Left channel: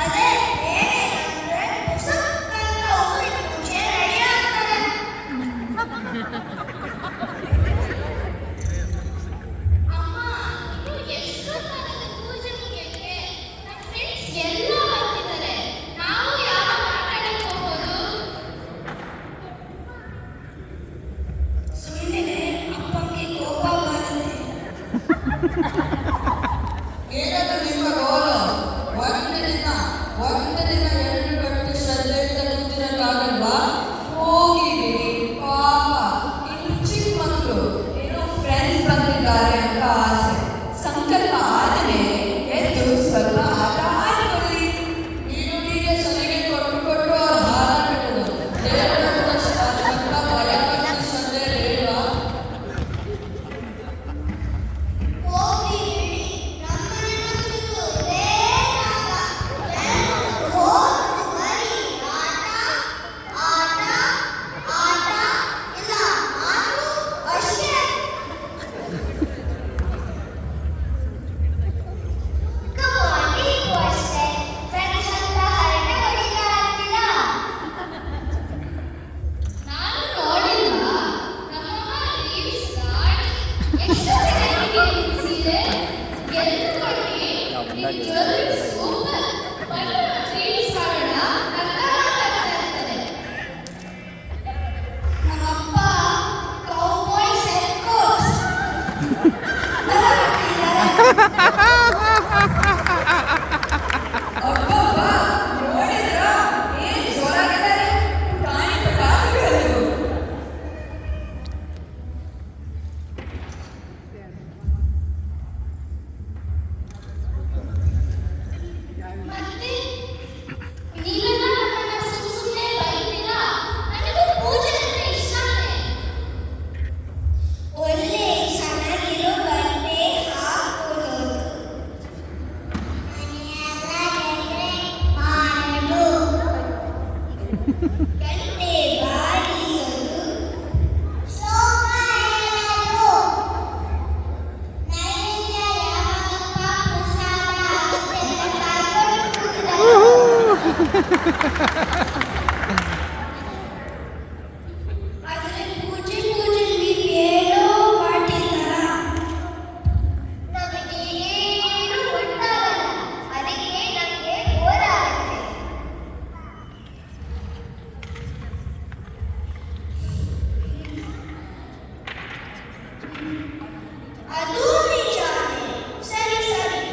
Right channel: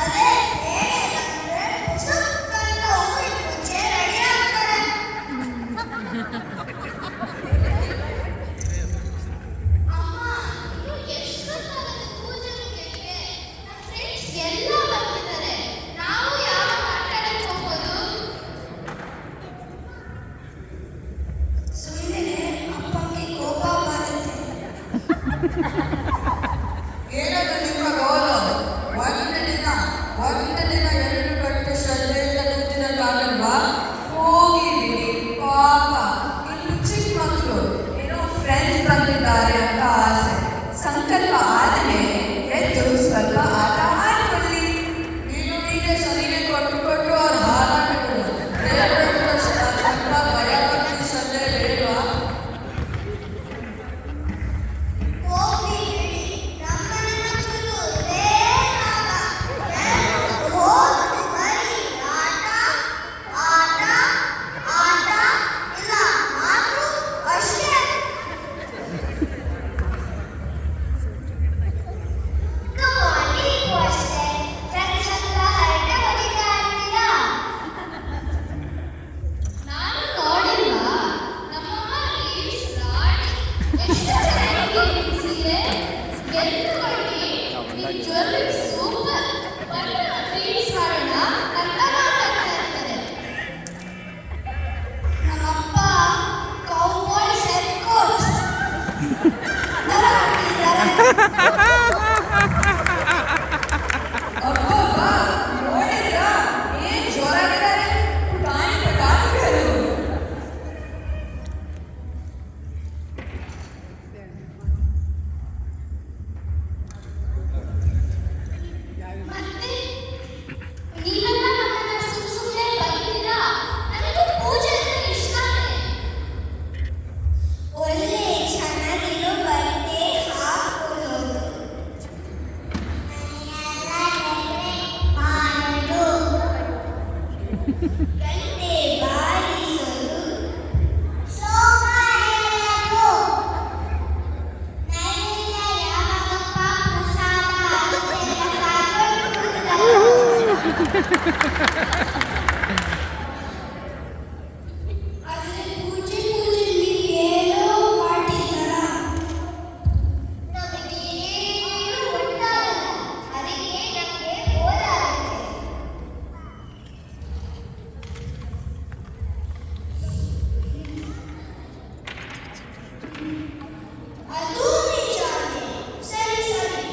ಅದೇ ಹೇಗೆಂದ್ರೆ ಸುತ್ತಂತ ಹೋಗಿ ಮುಂಚೆ ರೆಡಿ ಆಗ್ತಾರೆ. ಅಮ್ಮ ಇನ್ನು ಎಷ್ಟೊತ್ತಾಗುತ್ತೆ ಪೂಜೆ ಮುಗಿಯಕ್ಕೆ? ನಮ್ಮ ಫ್ರೆಂಡ್ಸ್ ಎಲ್ಲ ಬರ್ತಿದ್ದಾರೆ. ನಾವು ಯಾವಾಗ ಮಾತಾಡಕ್ಕೆ ಹೋಗೋದು? ಸುಮ್ಮನೆ ಅಪ್ಪಂಗೆ ಕೋಪ ಬರುತ್ತೆ. ಏನದು ನಿಮ್ಮ ಗೋಲು? ಒಂದು ದಿನ 2 ಗಂಟೆ ಶ್ರದ್ಧೆಯಿಂದ ಕೂತಿರಕ್ಕಾಗಲ್ವಾ? ಹೋಗಿ ಬಿಡಿ ಪಾಪ, ಇನ್ನು ಚಿಕ್ಕ ಮಕ್ಕಳು ಏನೋ ಫ್ರೆಂಡ್ಸ್ ಬಂದಿದ್ದಾರೆ ಅಂತ ಆಸೆ. ಸಂಕಲ್ಪ ಆದಮೇಲೆ ಎದ್ದು ಸ್ವಲ್ಪ ಆಟ ಆಡ್ಕೊಳ್ಳಿ. ನೀನು ಹೀಗೆ ಸರಿಗೆ ಕೊಟ್ಟು ಕೊಟ್ಟು ಅವ್ರ ಹಾರಾಟಗಳು ದೇವರ ಸ್ವಲ್ಪ ಭಯ ಭಕ್ತಿ ಶ್ರದ್ಧೆ ಬೇಡವಾ? ಹೋಗ್ಲಿ ಬಿಡಿ, ನಮ್ಮನೆ ಮಕ್ಕಳು ಇದೇ ರಾಗ. ಎಲ್ರು ಹೋದ್ರು ಬರೀ ಆಟ ಆಟ ಆಟ, ಇಲ್ಲ ಮಾತು ಅಷ್ಟೇ. ಕಮಾನ್, ನೀವು ಅಷ್ಟೇ ಫ್ರೆಂಡ್ಸ್ ಹತ್ರ ಹರಟೆ ಹೊಡಿತಾ ಇರ್ತೀರಾ? ನಾನು ನೋಡಿಲ್ವಾ? ನಮ್ಮಮ್ಮ ರೀಲ್ಸ್ ಮಾಡಿ ಎಷ್ಟು ಚೆನ್ನಾಗಿದೆ ನಿನ್ ಸೀರೆ, ಗೆದ್ದುಕೊಳ್ಳಿ, ನಿನ್ ಜ್ಯುವೆಲ್ಲರಿ ಸೂಪರ್, ಬಟ್ ರೀಲ್ಸ್ ಮಾಡೋಣ ಅಂತ ಮಾತಾಡ್ತಾ ಇರ್ತಾರೆ. ನಮ್ಮಪ್ಪ ಕೌಬಾಯ್ ಸೆಟ್ ಕೋಟ್ ತರ ಹಾಕಿದ್ದಾರೆ. ಅಬ್ಬಬ್ಬಾ, ನೋಡಿದ್ರಾ? ಏನ್ ಜೋರಾಗಿದ್ದಾರೆ ಪುಟಾಣಿ ಪಟಾಕಿಗಳು. ಮತ್ತೆ ನೀವೆಲ್ಲ ನನ್ನನ್ನ ಸುಮ್ಮನೆ ಬೈತೀರಾ? ನನಗೂ ಪೂಜೆ ಅಂದ್ರೆ ಇಷ್ಟನೇ. ಒಳ್ಳೆ ಚೆನ್ನಾಗಿರೋ ಬಟ್ಟೆ ಹಾಕೊಳ್ಳೋದು, ಮಾಡೋದು, ಗಂಟೆ ಬಾರಿಸೋದು, ಶ್ಲೋಕ ಹೇಳೋದು, ನೈವೇದ್ಯ ಯಾವಾಗಪ್ಪ ಪ್ರಸಾದ ಅಂತೆಲ್ಲ ಕಾಯ್ಕೊಂಡು ಕೂತಿದ್ದಾರೆ. ಆದ್ರೆ ಪೂಜೆಲಿ ಏನೋ ಮಾಡಿಲ್ಲ. ನನಗೆ ಏನು ಗೊತ್ತಾಗಲ್ಲ, ಅದಕ್ಕೆ ನನಗೆ ಬೋರ್ ಆಗುತ್ತೆ. ಅದು ನಿಜಾನೇ. ಸರಿ ಸರಿ,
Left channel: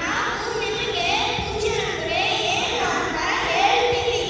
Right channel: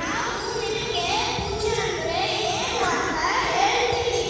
ನಾವು ನಿನಗೆ ಪೂಜೆ ಅಂದ್ರೆ ಏನು ಅಂತ ಹೇಳ್ತೀವಿ.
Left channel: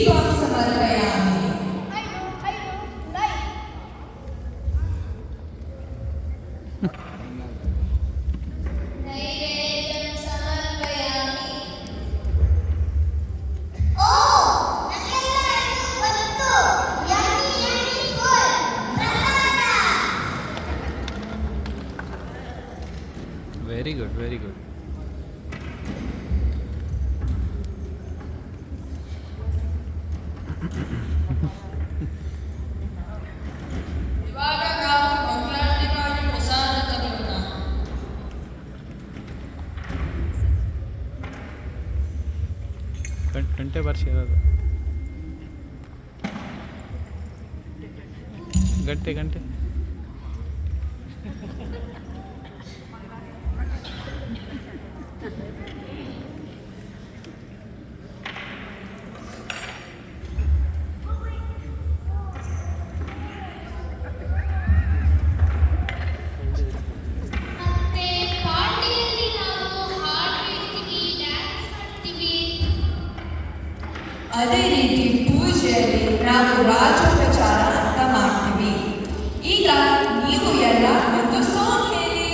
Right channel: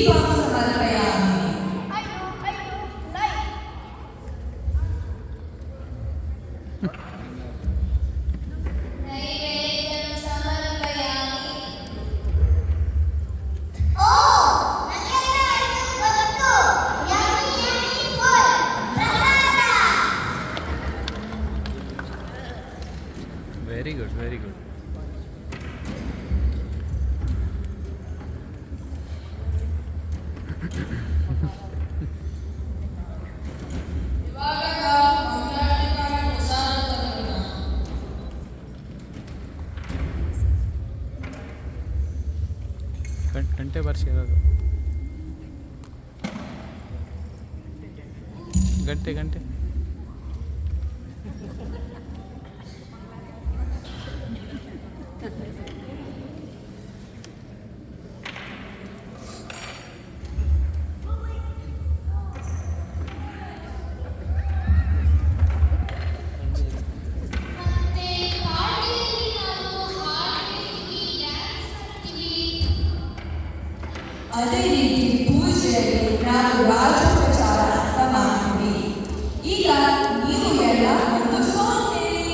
दीपं समर्पयामि. I know, light. नैवेद्यं समर्पयामि. ನನಗೆಲ್ಲರಿಗೂ ಗೊತ್ತು. Yummy food. ಪ್ರಸಾದ. Very good very good. ಇವಾಗ ನಾವು ಮಂಗಳಾರತಿಗಾಗಿ ಪ್ರಸಾದ ತಗೊಳ್ಳೋಣ. ಗಂಟೆ ಬರ್ಸಿರೋದು ಗಂಟೆ ಮತ್ತೆ ಪಾರ್ಟಿಯಲ್ಲಿ ನಾವು ಹಾಡು ಹೇಳ್ತೀವಿ, ಡ್ಯಾನ್ಸ್ ಮಾಡ್ತೀವಿ. ಅದೇ ರೀತಿ ಪೂಜೆಯಲ್ಲಿ ನಾವು ರಾಜೋಪಚಾರ ಅಂತ ಮಾಡ್ತೀವಿ. ಈಗ ನೀವು ಎಲ್ಲ ಒಂದು ಸಾಂಗ್ ಹೇಳಿ.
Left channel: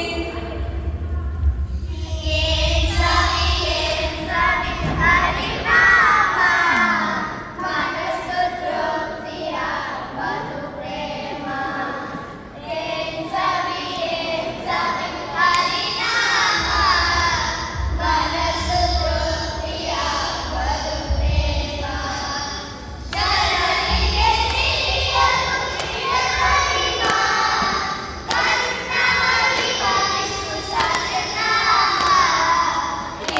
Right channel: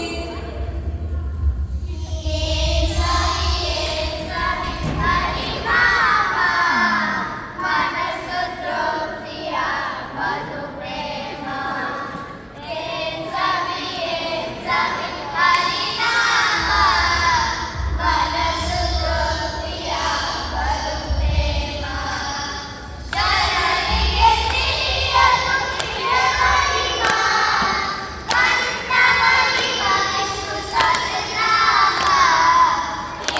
ಏನ್ ಸಾವಿ ಹರಿನಾಮ, ಮನಸ್ಸು ತೃಪ್ತಿಯ ಮಧು ಪ್ರೇಮ. ಏನ್ ಸಾವಿ ಹರಿನಾಮ, ಮನಸ್ಸು ತೃಪ್ತಿಯ ಮಧು ಪ್ರೇಮ. ಜನರಿಗೆ ತಿಳಿಯಲು ಪ್ರಿಯ ಮಹಿಮ, ಕನ್ನ ಮಹಿಮ ವಿಷ್ಣು ಸಹಸ್ರನಾಮ.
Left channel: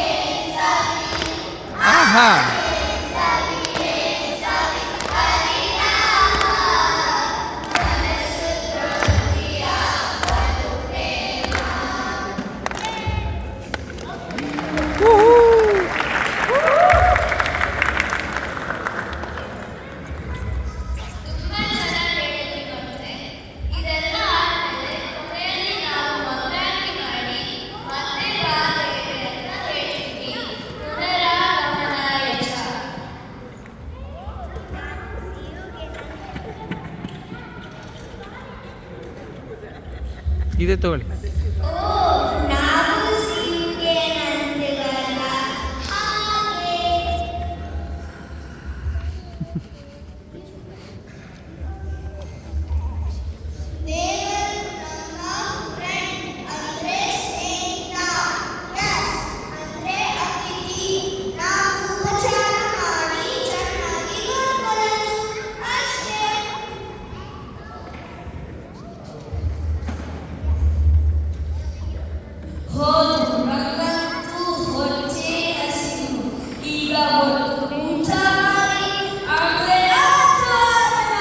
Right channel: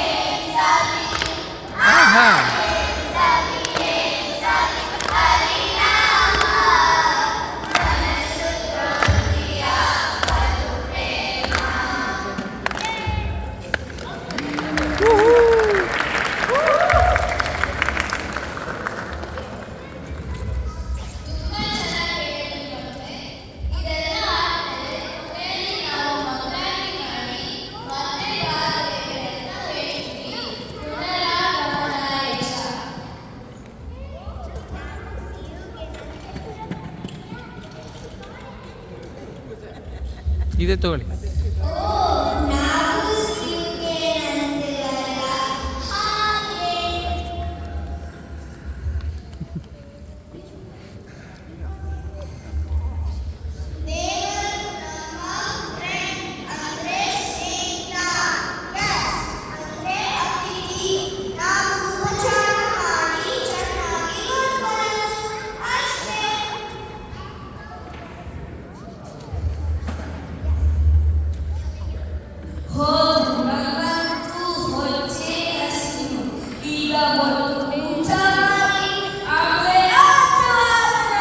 ಏನ್ ಸಾವಿ ಆಹಾ ಹರಿನಾಮ, ಮನಸ್ಸು ತೃಪ್ತಿಯ ಮಧು ಪ್ರೇಮ. ತುಂಬಾ ಚೆನ್ನಾಗಿ ಹೇಳಿದ್ರು. ಇದೆಲ್ಲ ಆದ್ಮೇಲೆ ಕೊನೆಯಲ್ಲಿ ನಾವು ಮಂಗಳಾರತಿ ಮಾಡಿ ಮತ್ತೆ ಬಾಗಿಲಿಗೆ ಅಂತ ಹೇಳ್ತೀವಿ. ಪುನರಾಗಮನಾಯ ಚ. ಇದೆ ತಗೊಳ್ಳಿ. ನಾವು ಸಿಂಗೆ ನಂದಿವಲ್ಲ ಹಾಗೆ. ದೇವರು ನಮ್ಮ ಫ್ರೆಂಡ್ ಅಂದ್ರೆ ಸ್ನೇಹಿತ. Yes, ಅಂದ್ರೆ ಅತಿಥಿ. ನಾವು ಉಪಚಾರ ಮಾಡಿ ಚೆನ್ನಾಗಿ ನೋಡ್ಕೊಳ್ಳೋದು ಅಷ್ಟೇ. ಹೋದ್ರು ಭಗವಂತು ಹೊಚ್ಚೆ ಹಸಿರು. ಈಗ ಒಂದು ಊಟ ಮಾಡಿ ಆಮೇಲೆ ಆಚರಣ.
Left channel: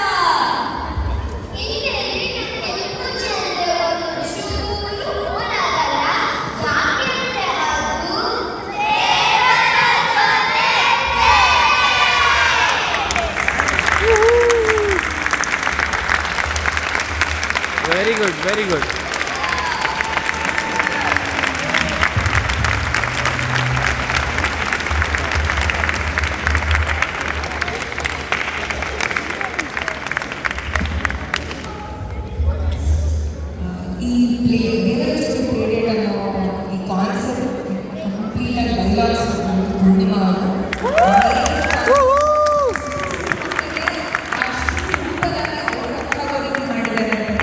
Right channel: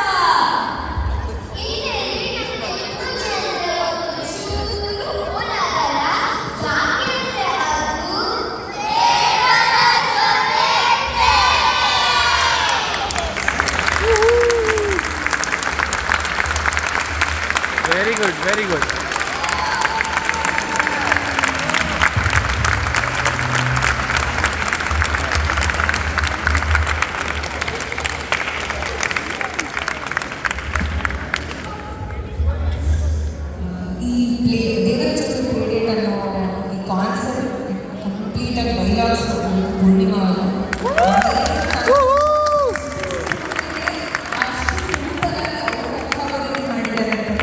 ಇನ್ನೇನು ನನಗೆ ಪೂಜೆ ಅಂದ್ರೆ ಒಂದು ಚೂರು ಹೋಲಾಗಲ್ಲ. ಯಾಕೆಂದ್ರೆ ಅದು ದೇವರ ಜೊತೆ ವೆರಿ ಗುಡ್ ವೆರಿ ಗುಡ್.